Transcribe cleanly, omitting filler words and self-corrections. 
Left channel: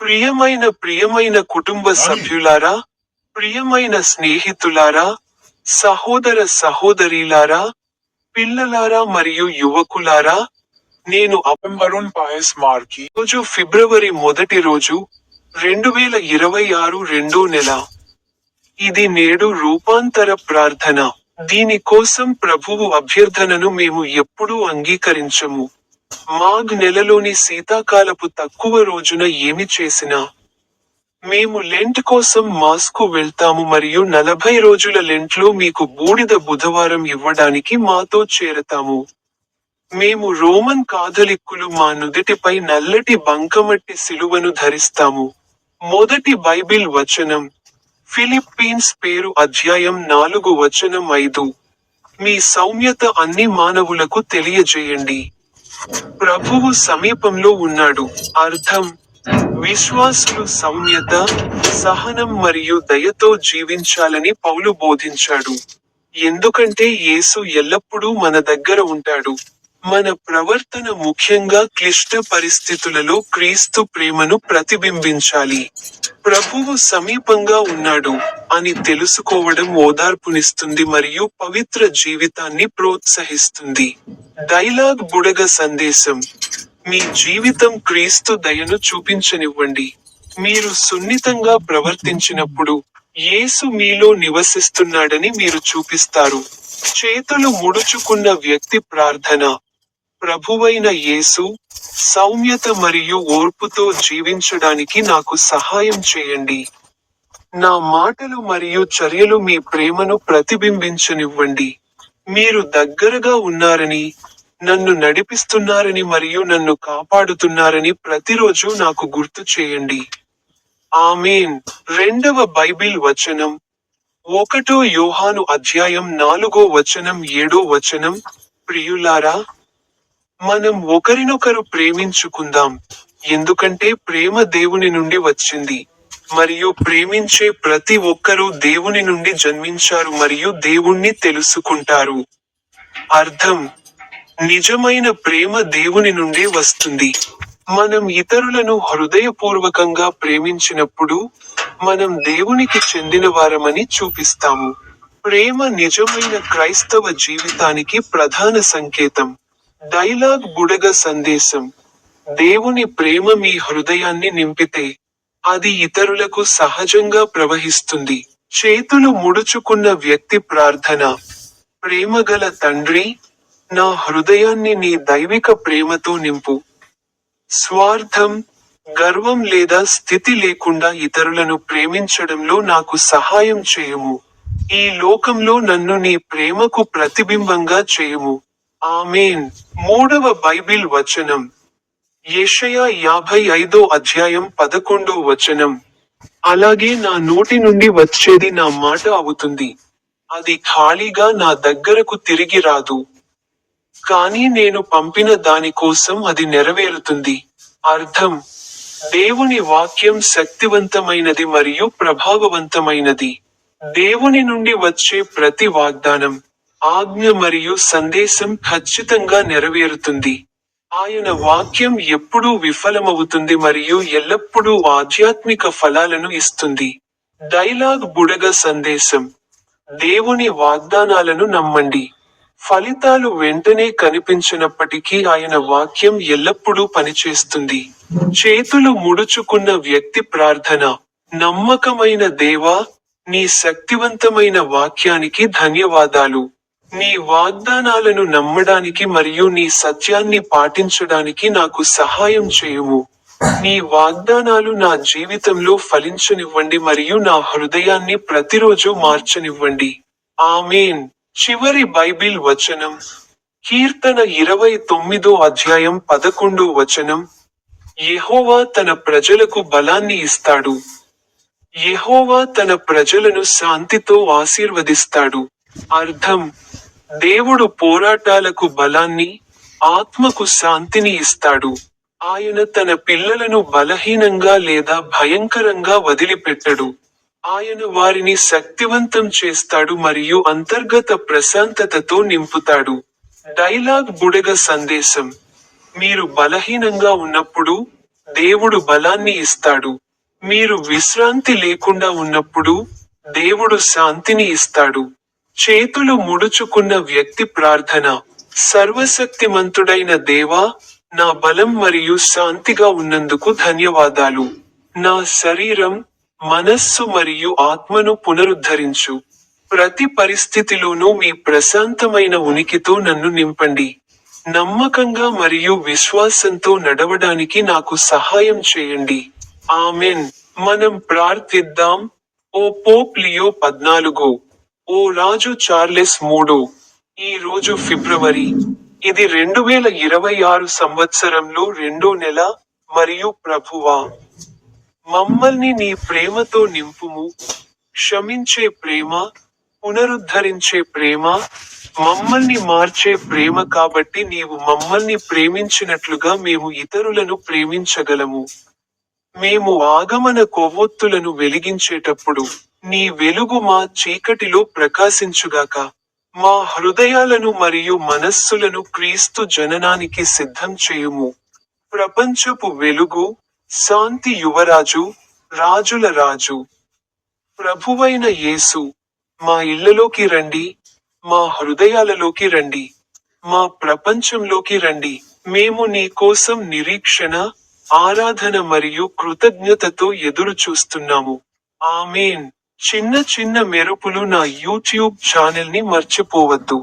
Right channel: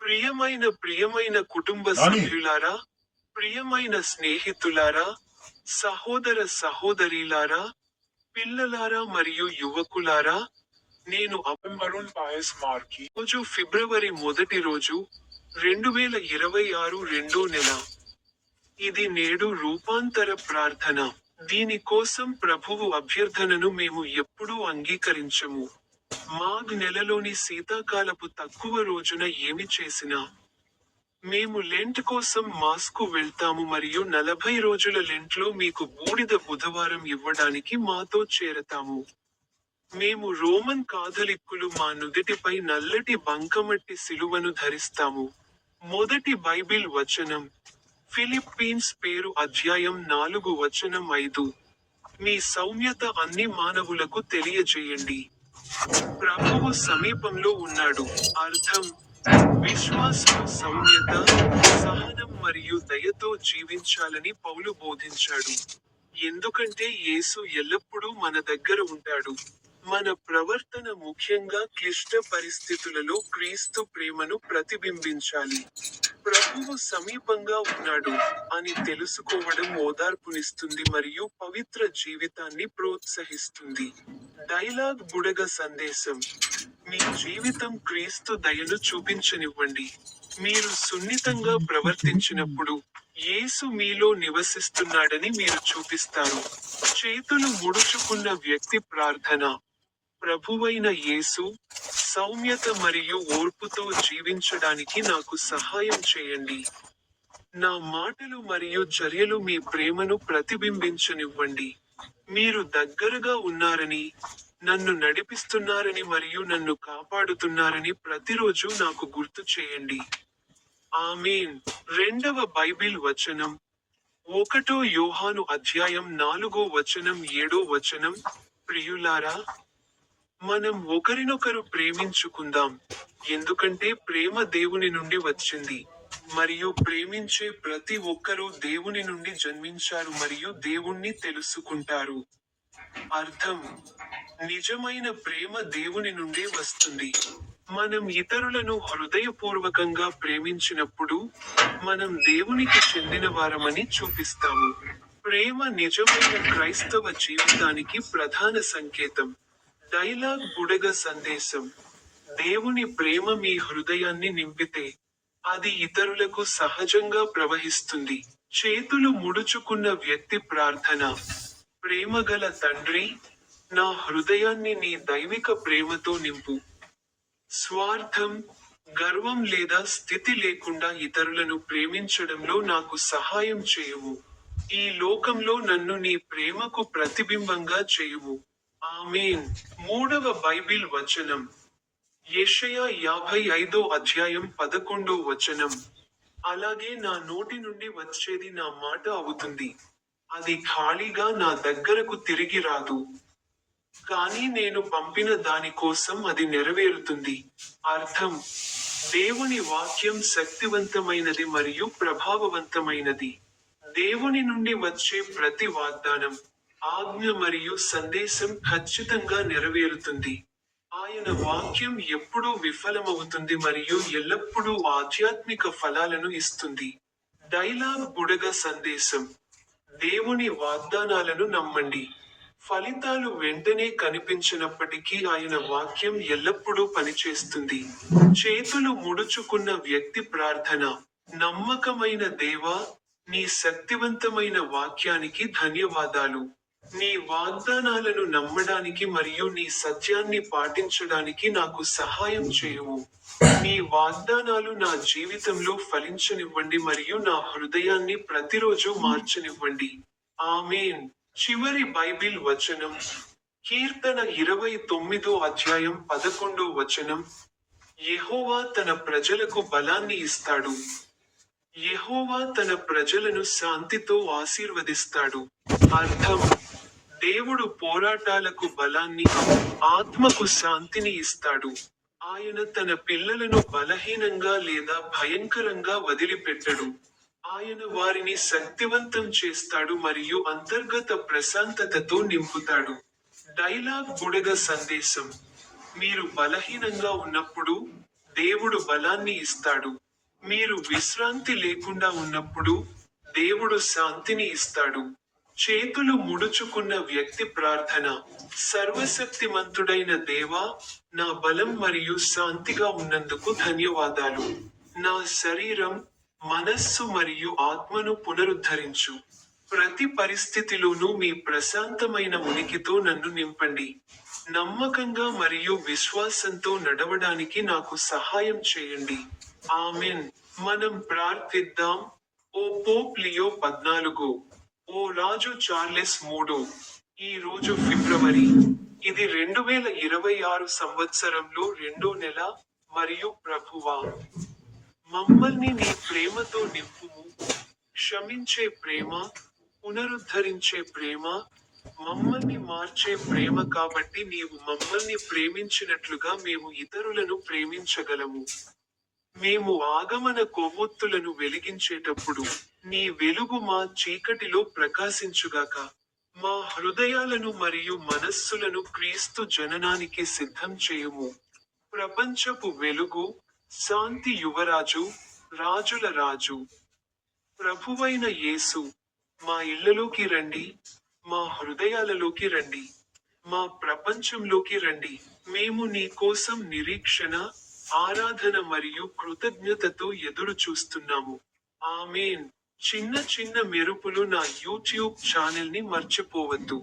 ప్రియమైన కుటుంబ సభ్యులారా, ప్రియమైన స్నేహితులారా, సహోదర సహోదరీలారా, పిల్లలారా మరియు యువకులారా, నేను వరుణ్ పాయస్ మార్కి రోజు ఫిబ్రవరి మొదటి రోజు, 2026 రెండో నెల. ఇది నేడు రూపాంతర ప్రార్థన. దీని కోసం ప్రభువు అభ్యర్థనను మేము ఎప్పుడూ అంగీకరించము. మాఘ్ నెలలోని శీతాకాలపు తక్కువ రోజున ఏమి చేసినా, మేము లెంట్ కోసం మాస్కు వెళ్తాము మరియు 40 రోజుల లెంట్లో మీకు బూడిద బుధవారం ఇవ్వడానికి మాతో చేరతాము. మేము రోమన్ కాథలిక్కులు మా నుదిటిపై నల్లటి బంకమట్టి సిలువను ధరిస్తాము. మొదటి బైబిల్ వచనం, ఫిలిప్పీన్స్ పేరు అధ్యాయం 4 వచనం 5. మీ సౌమ్యత అన్ని మానవులకు తెలియజేయండి. ప్రభువు సమీపంలో ఉన్నాడు. అర్థం: విశ్వాసులు సౌమ్యత, సహనం మరియు దయతో జీవించాలని పౌలు బోధించాడు. ఎందుకంటే యేసు ఎల్లప్పుడూ మన దగ్గర ఉంటాడు. మన ప్రవర్తన ముఖ్యంగా క్లిష్ట పరిస్థితులలో క్రీస్తు ప్రేమను ప్రతిబింబించాలి. ప్రభువు సమీపంగా ఉన్నాడు అని తెలుసుకోవడం ఓదార్పునిస్తుంది మరియు పవిత్ర జీవితాన్ని ప్రోత్సహిస్తుంది. డైలాగ్ బుడగ సందేశం: మీ జీవితం క్రీస్తు దయను చూపించనివ్వండి. మీరు సున్నితంగా ప్రవర్తించినప్పుడు, యేసు మీలో నివసిస్తున్నాడని మీరు చూపిస్తారు. చేతులు ముడుచుకున్న వ్యక్తి ప్రార్థన: ప్రభువైన యేసు, సౌమ్యత మరియు ఓర్పుతో జీవించడానికి నాకు సహాయం చేయండి. నా మాటలు మరియు చర్యలు మీ ప్రేమను ప్రతిబింబించనివ్వండి. మీరు దగ్గరగా ఉన్నారని, నన్ను నడిపిస్తున్నారని మరియు నన్ను కాపాడుతున్నారని ప్రతిరోజు నాకు గుర్తు చేయండి. ఆమేన్. రెండవ బైబిల్ వచనం, 1 యోహాను అధ్యాయం 4 వచనం 7 వచనం. ప్రియులారా, మనం ఒకరినొకరు ప్రేమించుకుందాం, ఎందుకంటే ప్రేమ దేవుని నుండి వచ్చింది, మరియు ప్రేమించే ప్రతి ఒక్కరూ దేవుని నుండి జన్మించారు మరియు దేవుణ్ణి తెలుసుకుంటారు. అర్థం: నిజమైన ప్రేమ దేవుని నుండి వస్తుంది. మనం ఇతరులను హృదయపూర్వకంగా ప్రేమించినప్పుడు, మనం దేవునికి చెందినవారమని చూపిస్తాము. ప్రేమ నిజమైన క్రైస్తవ జీవితానికి ప్రధాన సంకేతం. డైలాగ్ బుడగ సందేశం: దేవుని ప్రేమ మీ హృదయాన్ని నింపితే, అది ఇతరులకు సహజంగా ప్రవహిస్తుంది. చేతులు ముడుచుకున్న వ్యక్తి ప్రార్థన: ప్రేమగల తండ్రి, నా హృదయాన్ని నీ దైవిక ప్రేమతో నింపు. స్వార్థం, గర్వం లేదా స్థితి లేకుండా ఇతరులను ప్రేమించడంలో నాకు సహాయం చేయుము. ఈ లోకంలో నన్ను నీ ప్రేమకు ప్రతిబింబంగా చేయుము. ఆమేన్. మూడవ బైబిల్ వచనం, యెషయా 55 అధ్యాయం 11 వచనం. అలాగే నా నోటి నుండి వచ్చేది నా మాట అవుతుంది. అది ఖాళీగా నా దగ్గరకు తిరిగి రాదు. కానీ నేను పంపిన దాని కోసం అది నెరవేరుతుంది. అర్థం: దేవుని వాక్యం శక్తివంతమైనది మరియు ప్రభావవంతమైనది. దేవుని నుండి వచ్చే ప్రతి వాగ్దానం, ఆజ్ఞ మరియు సందేశం ఖచ్చితంగా నెరవేరుతుంది. ఆయన వాక్యం ఎప్పుడూ విఫలమవుతుంది మరియు ఎల్లప్పుడూ ఆధ్యాత్మిక ఫలాలను ఇస్తుంది. డైలాగ్ బుడగ సందేశం: దేవుని వాగ్దానాలను నమ్మండి. ఫలితాలు వెంటనే కనిపించనప్పటికీ ఆయన వాక్యం ఎల్లప్పుడూ పనిచేస్తుంది. చేతులు ముడుచుకున్న వ్యక్తి ప్రార్థన: నమ్మకమైన దేవా, నీ శక్తివంతమైన వాక్యానికి ధన్యవాదాలు. నీ వాగ్దానాలను నమ్మడానికి మరియు నీ సత్యాన్ని పాటించడానికి నాకు సహాయం చేయుము. నీ వాగ్దానాలు నా జీవితంలో ఫలించనివ్వండి మరియు నా హృదయాన్ని ప్రతిరోజు మార్చనివ్వండి. ఆమేన్. చివరి బైబిల్ వచనం, కీర్తన 29 అధ్యాయం 11 వచనం. యెహోవా తన ప్రజలకు బలాన్ని ఇస్తాడు. యెహోవా తన ప్రజలను శాంతితో ఆశీర్వదిస్తాడు. అర్థం: దేవుడు పోరాటాలకు బలాన్ని, ఆత్మకు శాంతిని ఇస్తాడు. ఆయన తన పిల్లలను బలహీనంగా లేదా భయంకరంగా వదిలిపెట్టడు. ఆయన వారిని శక్తివంతం చేస్తాడు మరియు అంతర్గత ప్రశాంతతతో నింపుతాడు. డైలాగ్ బుడగ సందేశం: మీరు బలహీనంగా ఉన్నప్పుడు, దేవుడు బలాన్ని ఇస్తాడు. మీరు విశ్రాంతి లేకుండా ఉన్నప్పుడు దేవుడు శాంతిని ఇస్తాడు. చేతులు ముడుచుకున్న వ్యక్తి ప్రార్థన. సర్వశక్తిమంతుడైన దేవా, నా బలం మరియు శాంతిగా ఉన్నందుకు ధన్యవాదాలు. నా శరీరం, మనస్సు మరియు ఆత్మను పునరుద్ధరించు. ప్రతి పరిస్థితిలోనూ మీ ప్రశాంతమైన ఉనికితో నన్ను నింపండి. నమ్మకంగా మరియు విశ్వాసంతో నడవడానికి నాకు సహాయం చేయండి. ఆమెన్. మనం ప్రార్థిద్దాం. ఓ పోప్ లియో 14, ఓ రాజు చార్లెస్ 3, ఈ రోజు ఫిబ్రవరి, ఇది 2026 సంవత్సరంలో 2వ నెల, మరియు ప్రభువా, మమ్మల్ని నీ ప్రేమతో నింపుము. క్షమించే ప్రేమ, పునరుద్ధరించే ప్రేమ, మమ్మల్ని మార్చే ప్రేమ. కాబట్టి నీవు మమ్మల్ని ప్రేమించినట్లుగా మేము ఇతరులను ప్రేమించగలము. మేము ఆగమన కొవ్వొత్తులను వెలిగించేటప్పుడు నీ వెలుగు మా చీకటిలో ప్రకాశించుగాక. మా హృదయాలను మరియు మనస్సులను క్రీస్తు జననానికి సిద్ధం చేయుము. ప్రపంచపు వెలుగు, శాంతి యువరాజు, రాజుల రాజు, ప్రభువైన యేసు, మా ఇళ్లలోకి రండి, మా హృదయాలలోకి రండి, మా ప్రపంచంలోకి రండి. మేము నీ కోసం నిరీక్షణ, ఆరాధన మరియు కృతజ్ఞతతో ఎదురు చూస్తున్నాము. ఆమేన్. చిన్న చిన్న మెరుపులు నా యూట్యూబ్ ఛానల్ని మర్చిపోవద్దు.